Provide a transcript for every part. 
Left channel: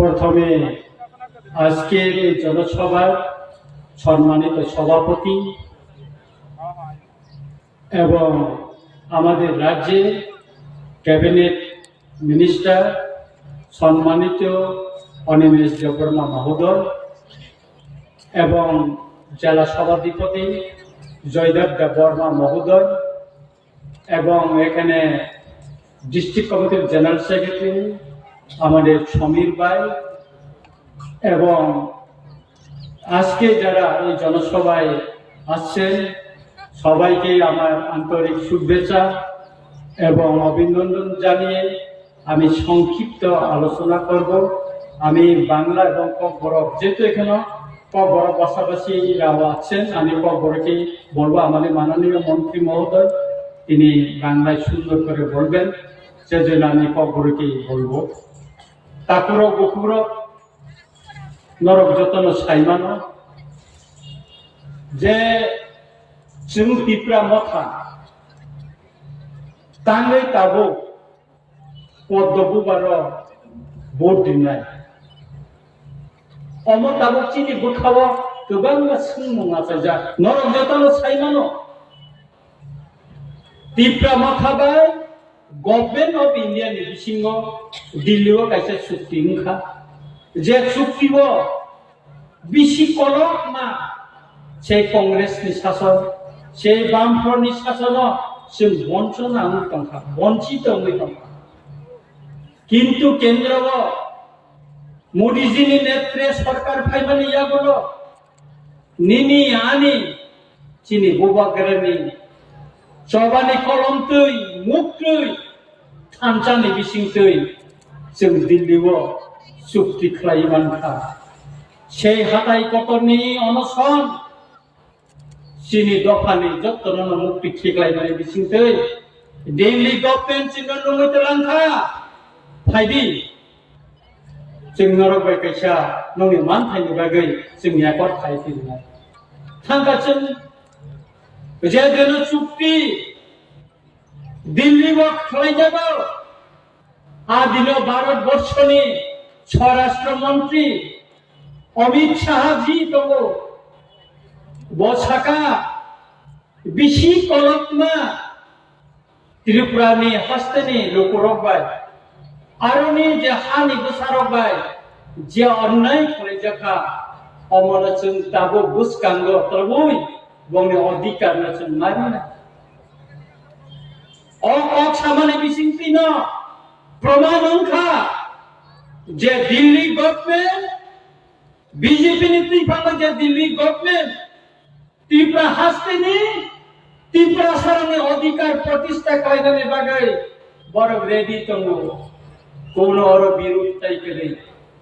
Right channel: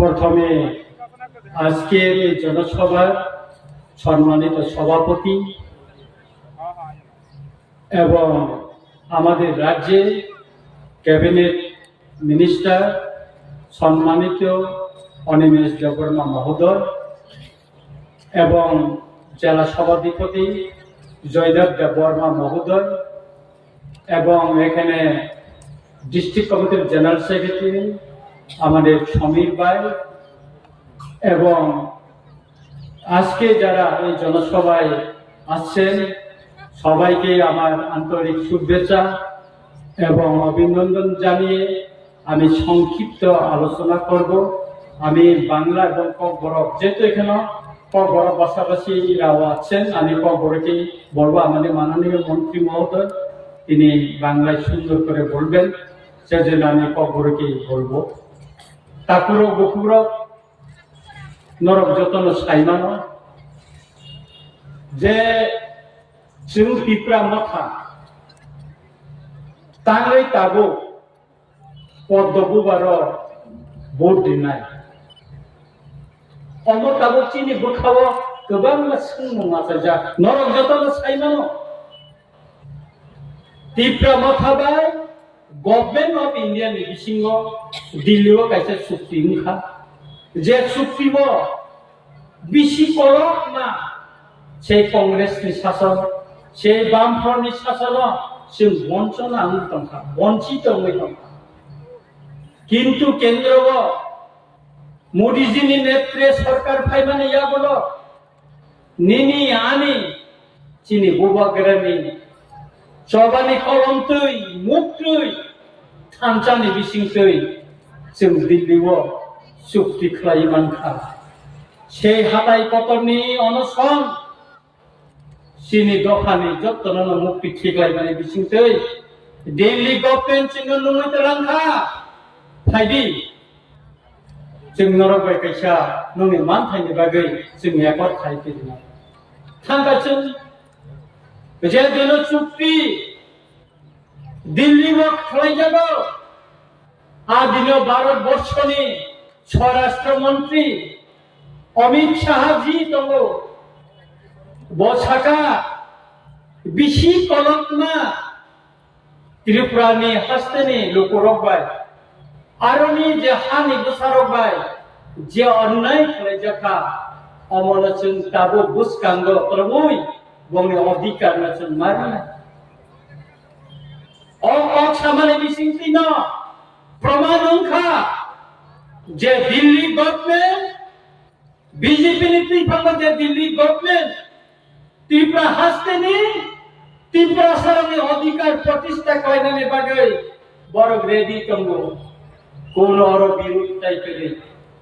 প্রথমে আজকের এই জনসভার সম্মানিত সভাপতি এবং আমাদের রাজ্যের ক্যাবিনেট মিনিস্টার সম্মানিত অনিমেষ দেববর্মা মহোদয় এবং জেলা সভাধিপতি জয়দেব দেববর্মা মহোদয় এবং এখানে ডিস্ট্রিক্ট কমিটির জেনারেল সেক্রেটারি আমাদের সমীর ভাই এবং আজকে যারা এই জনসভায় আসছেন সবাইকে আমার আন্তরিক শুভেচ্ছা এবং অভিনন্দন জানিয়ে আমি সংক্ষিপ্ত আলোচনা করব। আমি বাংলা এবং ককবরক যেহেতু এখানে ককবরক ভাষাভাষীরাও আছেন, আমি ককবরকেই বলবো। আমাদের মাননীয় মন্ত্রী মহোদয় তিনি বাংলায় সুন্দর করে বলবেন, সেজন্য আমি ককবরকেই বলবো। তাকুর বকুর নরক যতন সাইমান যে जों तिप्रा मथा तांगै ताबो पद्मबुबार बोर्ड दिनाय अम ताबो चिनि बुखाव गोबां सोंना जा नरक जतन साइनानो तिप्रा मथा बाय गभर्नमेंट ऑफ इंडिया नि बिसिङाव दिल्लीआव कायसे चुक्ति ओंखा जे चुक्तिबो बिसि करक मा से कांग्रेस नि शासन से बामफ्रन्टनि शासनाव जों बंचना दंखा बंचित दंखा किन्तु केन्द्रआव मोदीजीनि नेतृत्वे सरकार फायमानि यागलो निनि आनि चिनि बुबागरानि सबानि कलमतै मुक्तै थानसानि बिसिंतै जों दिल्लीआव चुक्ति खालामनांखा से हादाय पतननि अनसन चिनि दफानि जतन मुक्ति थिगलायनानै बिसिंतै दिल्ली गभर्नमेंट जों नुमैतलांखा फायदि जों नरबाय कैसा ननि मानथायनि बागै जोंनि एकर्ड खायफिना थांगासिन जे दिनो चुक्ति दिल्ली मा खालायजागौ आ दिनो भारतबर्षनि स्वराष्ट्र मन्त्री अमित शाह जी दङ बसाका बिसि कलकमा त्रिपुरानि हस्तनि लोकरबाय आरोनि जे हानि गोसारबाय जे अन्याय खालायजाखा अमनचन ताबो बुसकांग प्रभुय गंनि अधिकार नचन मारिना सामान्य बिसिंतिन प्रमाण ओंखा जे दिल्ली गभर्नमेंट बीजेपी नि त्रिफांग जे दिल्ली गभर्नमेंट त्रिपुरा हास्तेनि त्रिपुरा सारनि अधिकार प्रतिष्ठा खालायनायनि बागै बरफ रेडी दङ कोनो विरोध ताइकरै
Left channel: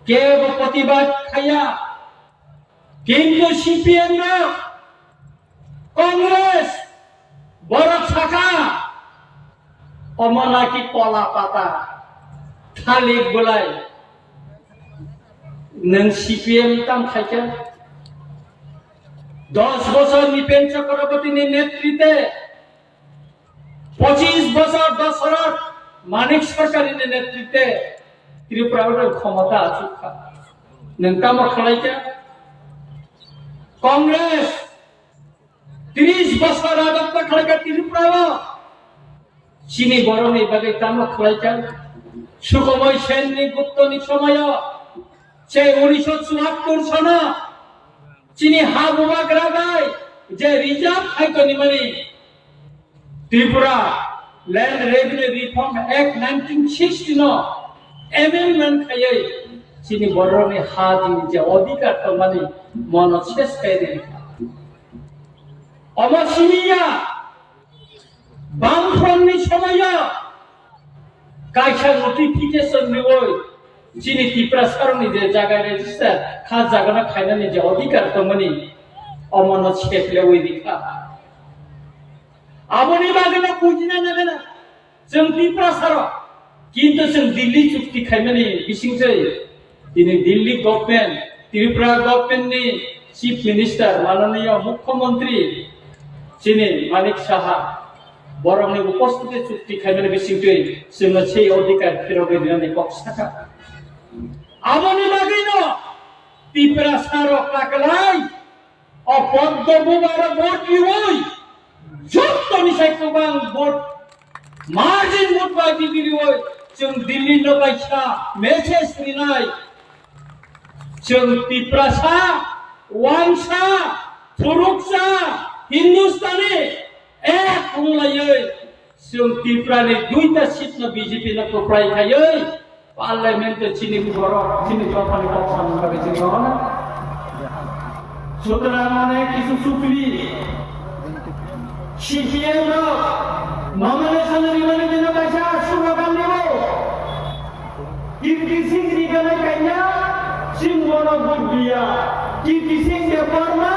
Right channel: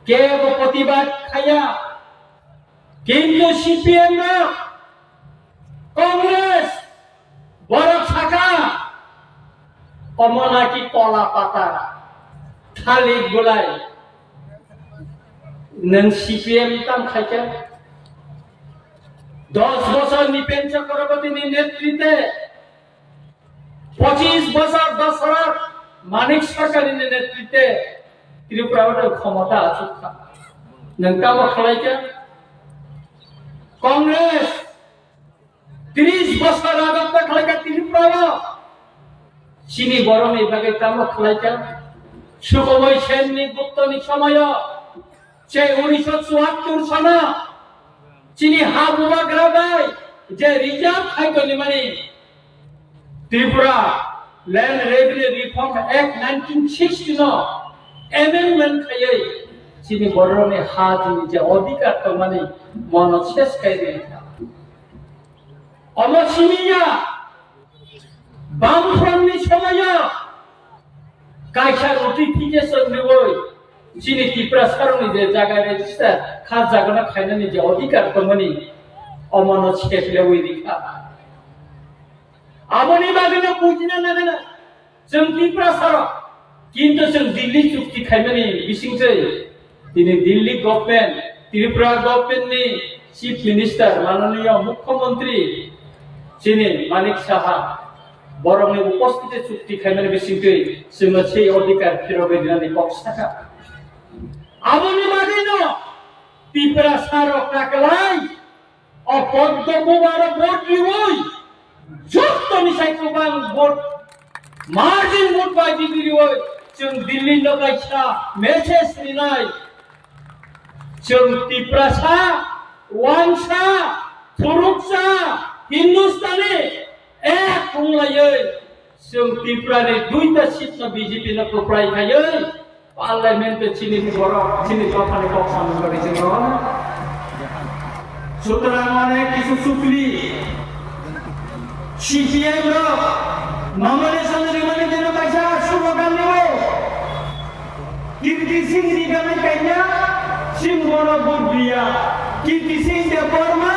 केवल प्रतिबाद खाया किन्तु सीपीएम र कांग्रेस बरफ शाखा अमनाकी कला पाता थालिर बुलाय नों सीपीएम ताम थाइका 10 বছর নিপেন চক্রবর্তীর নেতৃত্বে 25 বছর দশরথ মানিক সরকারের নেতৃত্বে ত্রিপুরার ক্ষমতা আছে নংকামো খালাইকা কংগ্রেস 30 বছর রাজত্ব খালাইকা ত্রিপুরা চিনি বরং এই বাগে কামো খালাইকা সুখময় সেননি গুপ্তনি সময় সে 1974 সনে চিনি হাবুবা গ্রাবাই যে রিজার্ভ থাইকনি মানে Tripura land revenue reform act 1960 নো অ্যামেন্ডমেন্ট খাইয়ে চিনি বরনে হাজিনি যে অধিকার তো মানে মন শেষ কাইরে অমসিমিয়া বামফ্রন্টনি সময় কাইসা নোটিফিকেশন নিবই চিনি ত্রিপুরা সারনি যে জায়গায় রেজিস্টার খাস জায়গা খাইনানি যে অধিকার তমনি অমানত শেখলে ওই দিকা আমনি বাগনে বুঝিনা না जों ত্রিপুরা সার কিন্তু जों দিল্লি চুক্তি খাইনানি বিসিংসै তিনি দিল্লি গভর্নমেন্ট ত্রিপুরা গভর্নমেন্টনি চিফ মিনিস্টার মাননীয় মুখ্যমন্ত্রী চিনি মানিক সাহা বরংনি উপস্থিতি চুক্তি খাইনানি বিসিংসै जों সেই অধিকার ফিরবে দিনানি পক্ষাকা আমনি লাগিন ত্রিপুরা সারক কাকলাই অপদ্য বুবার ভোট ইউই যুক্ত মিশাই কুবাং ভোট মার্জিন ভোট বাই বিবিরি ওই जों दिल्ली नगाइसा मेसेज लिनाय जों ত্রিপুরা ওয়াংসা थुरुकसा हिंदुस्तानी एक बुंलायै जों ত্রিপুরাनि दुइटा सीट बीजेपी न कोप्रायखायै पार्लियामेंट चिनि बर' चिनि कथानि कथानि बागै जों सुतरां माने किछु सुकली सीसीआई रो नॉमिनेशन रिमोनी दिनो कैसा स्लोगान देबो कीर्ति सिंह रिगाने कन्या सिंहनो बुद्धिया कीर्ति सिंह देवबर्मा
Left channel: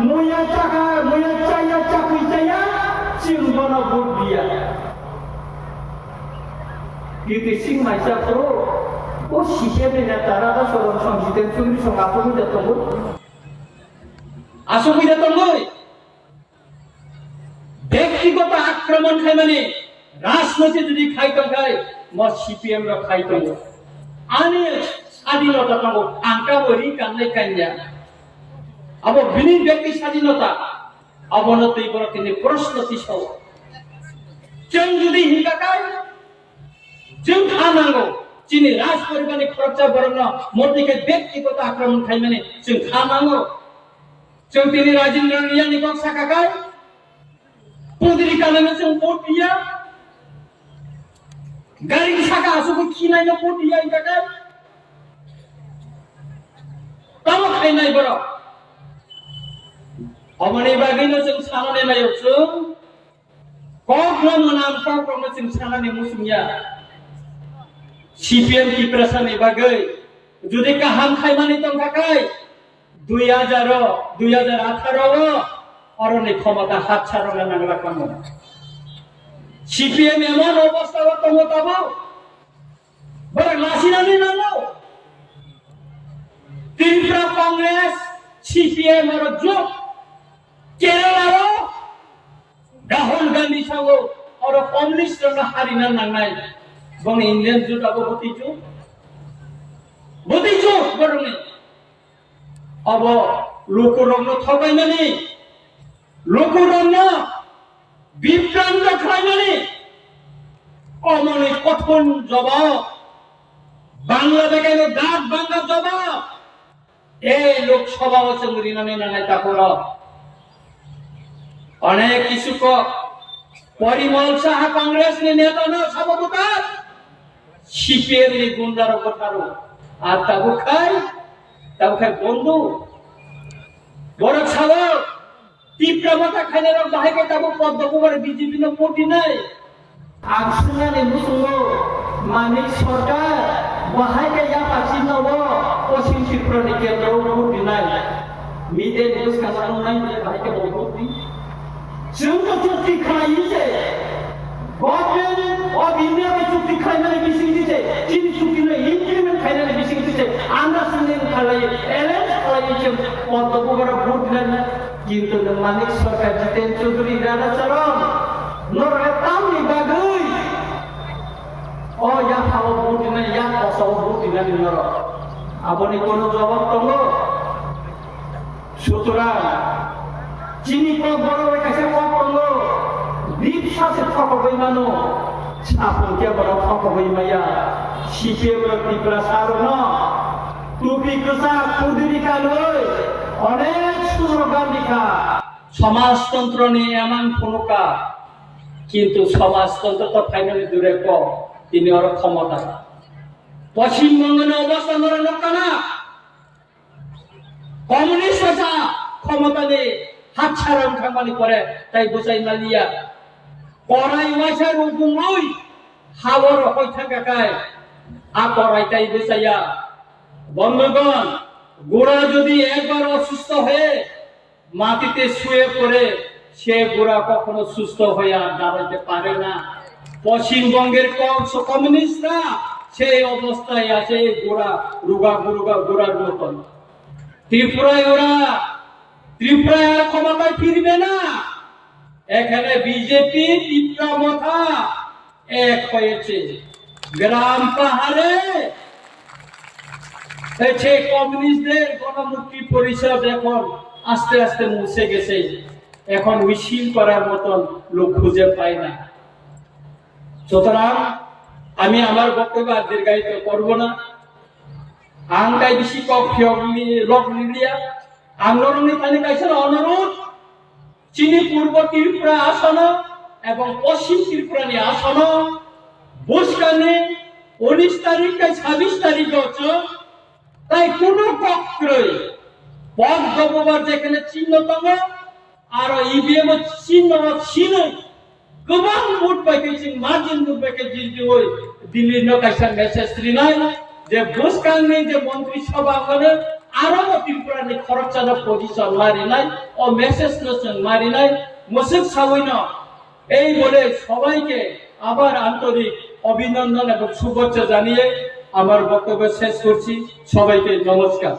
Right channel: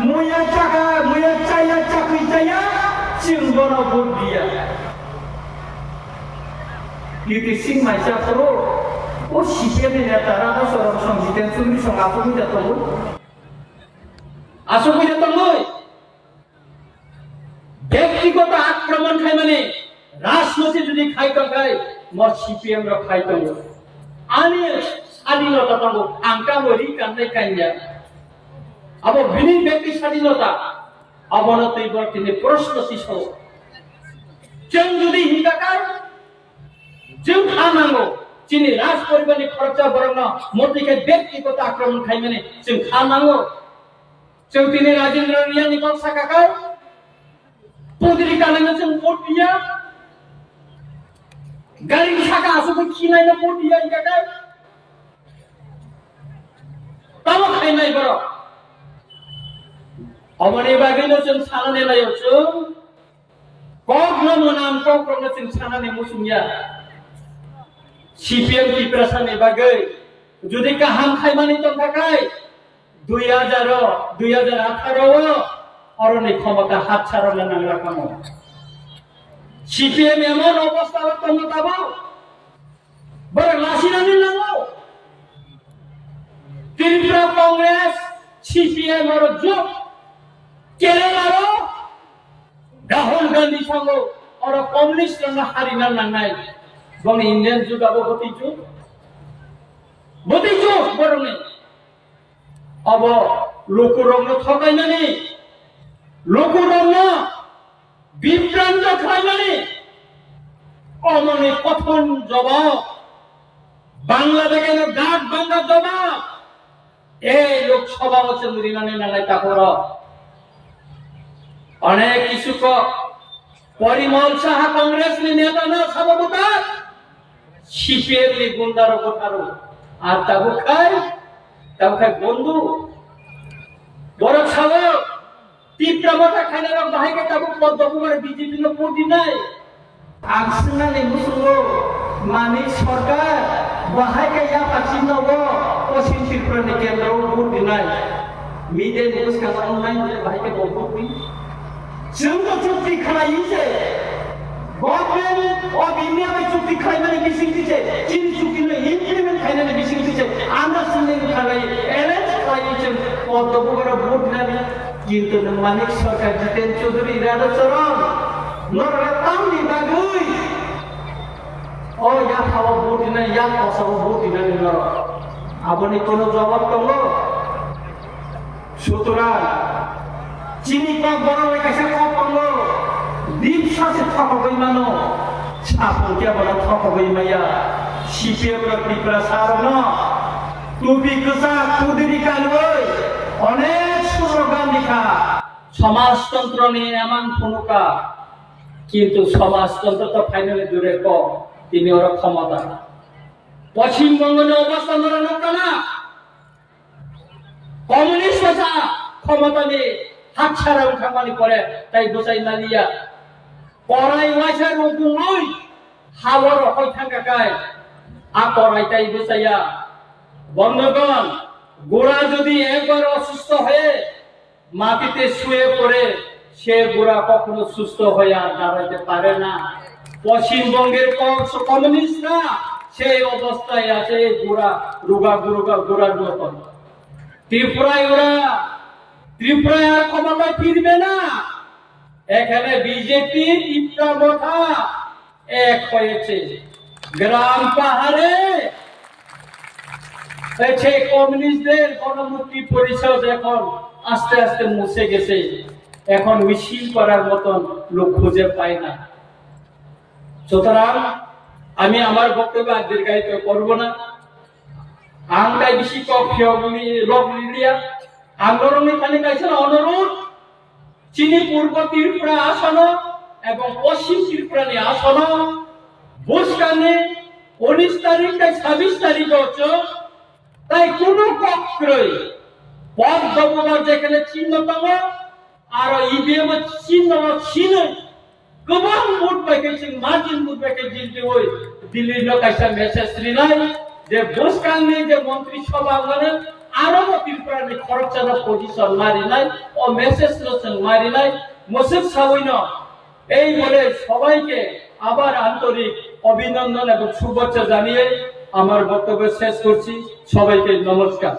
मुया चाया चाकुई चाया सिंहनो बुद्धिया कीर्ति सिंह माइसा को ओ सीसीआई नेता राधा सरम संजितेन चुंग्री संगाखौ मिदातमो आसंगिदा तमय ব্যক্তিগত আক্রমণ খাই মানে রাজনীতি যদি খাইতাম খাই মর সিপিএম র খাইতাম আনি স্বাধীনতা পাবো আঙ্কা বরি কান্নাই কান্যা আবার বিনি ব্যক্তি স্বাধীনতা অবনতি বর্তিনে প্রশ্নতি সহ जों যদি হিংসাকার जों খানাঙ্গো চিনি রাজ পরিবারনি খরচা বরং মধ্যে ব্যক্তিগত আক্রমণ খাই মানে जों খানাঙ্গো जों তিনি রাজেন্দ্র রিয়ানি বংশা কাকার पुदिरी कानोनो जों भोट दिया गारि साखा आसुखौ खिनायनो भोट दिया इनकाखाय तामो खायनाय बर' अमनि बागैनो जों सानानै नायाव जों कखनो मोनामथाव कखनो जों सानानै मुसुमिया सीपीएम ত্রিপুরাসাनि बागै जुदि गाहाम खायमानि दंखाखाय 2018 অরণে ক্ষমতা হাত ছাড়ানো নাংলা কামো সিপিএম এমন অবস্থা ক্ষমতাবো বড় লাসিনানি নাঙ্গো ত্রিপুরা কংগ্রেস সিপিএম আর জোট কেরালাও রাহুল গান্ধী সঙ্গ আর কমিউনিস্ট রঙ হারিনা নাঙ্গাই বনে ইন্ডিয়ান জোট আবো বতিজু বরনে আব লোকরঙ ঠগাইমানি লোকরঙা বিভ্রান্ত খাইমানি অমনি কথন জবাব বাংলাদেশের ডাক বাংলা জবাব এই লোকসভা চন্দ্রিনানি নালাই তাপর অনেক কিছু পরিমল সাহা কংগ্রেস নেতা না সভাপতি সিপিএম নি গুন্ডার কথারো আর তাবু খাই বন্ধু বড় সাহা তীব্রতা খাইলে রং বাহাইকে তাবো পদ্মকুমার বিজেপি ন কোটি নাই আকসুনানি মুসুলো মানি সরকার বাহাইকে ইয়া পাছি নব পশ্চিম ত্রিপুরা নি কেন্দ্র কোটি নাই মিডে নিউজ का ऑनलाइन बाहाइके बहुतुई जोंनो चुक्ति खालायिसे गभर्नमेंट अफ इंडिया बाय चुक्ति खालायनानै बिसिं दिसे चिन चुक्तिनो इमप्लिमेंट खालायनानै बिसिं दिसे आन्डारस्टेन्डिं खालाय एरेन्ज खालायिसे पद्मकुमार भोट नानि কিন্তু মানিক সরকার জিতেন চৌধুরী রাধাচরণ নরতামনি বাগৈ ও ইয়া খাওয়া ভোট দিনা ইয়া কসাও ভোট দিনা নর আপনি কোন জবাব দङ সুতরাং চিনি ক বড় কাছে ক দङ দ্বীপ সাথে ঠকবই মানো ছাপুকে বড় ঠকবই মাইয়া সিপিএম ত্রিপুরা সারন টুপি গোসা কুদিরি কালই অনেক স্লোগান লিখা সমাজতন্ত্র নিয়ে এমন ফুনুকা কিন্তু সমাজতন্ত্র তো ফাইনালি দূরে তিনি ওর ক্ষমতা পশ্চিমবঙ্গের অবস্থা ধরে নকানা কমিউনিস্ট ক্ষমতা নিয়ে হাত ছাড়া উঠামানি করে তাই বোঝাই নালিয়া পড়াই ওয়াইসার রুগুই হাওয়ার হই থাকাকায় আ পড়াই তাই বোঝাইয়া বন্ধগণ গোড়া যদি একবার অসুস্থ হয়ে মাটিতে শুয়ে পড়ে সে গোড়া কখনো সুস্থ হয়ে আর দাঁড়াতে পারে না পশ্চিমবঙ্গের কমিউনিস্টরা সেই অবস্থায় আছে গোড়ার মতন ত্রিপুরায় আর ক্ষমতায় ফিরবে না এখানে বিজেপি ত্রিপুরা মাথা এক হয়েছে গ্রাম পাহাড়ে সেই কমিউনিস্টদের গণমুক্তি পরিষদ এখন আস্তে আস্তে মুছে গেছে, এখন মিছিল করার মতন লোক খুঁজে পায় না। সুতরাং আমি আমার বক্তব্য আর দীর্ঘায়িত করবো না। আংটাই বেশি লোক লিলিয়া আন্দোলনে খালি কাছে অনুরোধ চিনি পূর্ব ত্রিপুরা আসন এবং পশ্চিম ত্রিপুরা নিয়ে আসন বুঝকানি 19 তারিখ 26 তারিখ হচ্ছে, তাই কোন পক্ষই পদ দমবার যেখানে চিহ্নতম আর ইভিএম চিহ্ন ছিল গোবাং vote packaging margin vote packaging ওই দিল্লির কাছে মেসেজ নাই যে বুঝকানি যে মন্ত্রী সভা মানে আরো ত্রিপুরা নি খরচানো পজিশন মারি নাই ও মেসেজ মারি নাই মসজিদ সাবিন এই বলে সবাইকে আবার আন্তরিক অভিনন্দন এবং শুভেচ্ছা জানিয়ে আমার বক্তব্য শেষ করছি। সবাইকে নমস্কার।